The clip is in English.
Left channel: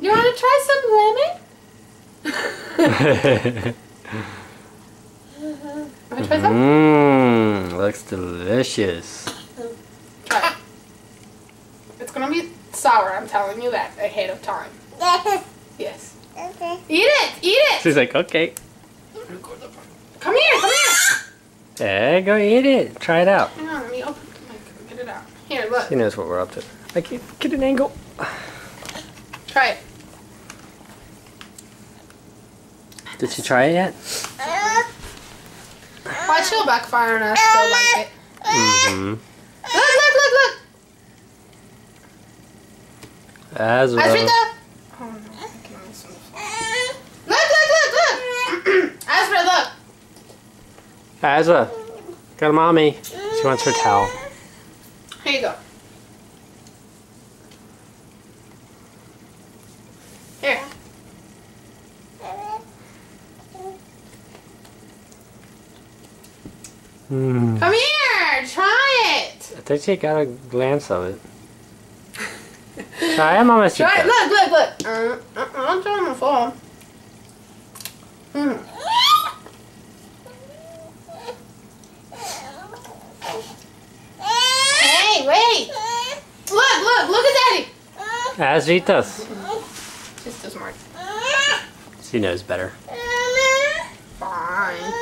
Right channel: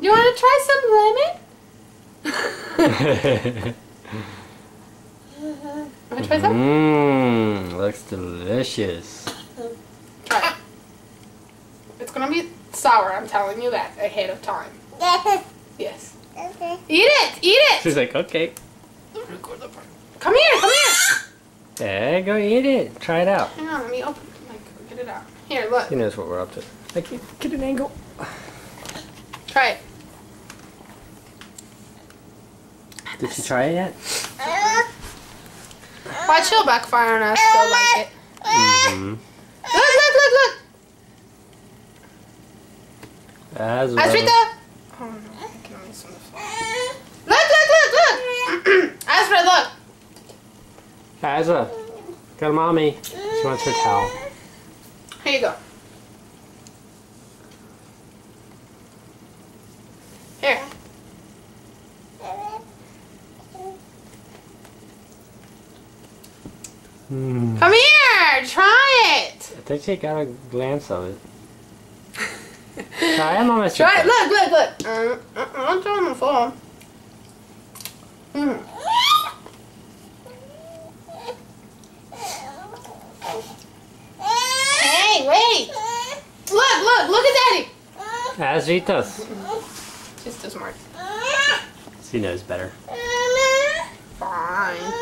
You want to try some lemon? Want to try some? Mmm, looks delicious. Try it. It's gonna be sour, I'm telling you that ahead of time. Yes. Okay. Eat it! Eat it! She's like, okay. Come here! Come here! Hey, go eat it. Try it out. Hang on, let me open. Like, get it out. Here, look. She knows what we're up to. I can't get an angle. Try it. Did she try it yet? Watch, she'll backfire on us. She'll like it. Mm-hmm. Look! As well. Asrita! Oh no, I can miss on the phone. Look! Asrita, look! Azza, got a mommy. She wants her towel. Here you go. Here. Mm. Come here! Try it! I think she got a glance of it. Try it, Mama. Try it! Look! I'm trying to fall. Hey, wait! Look at Daddy! Azritas. She's too smart. She knows better. Fine.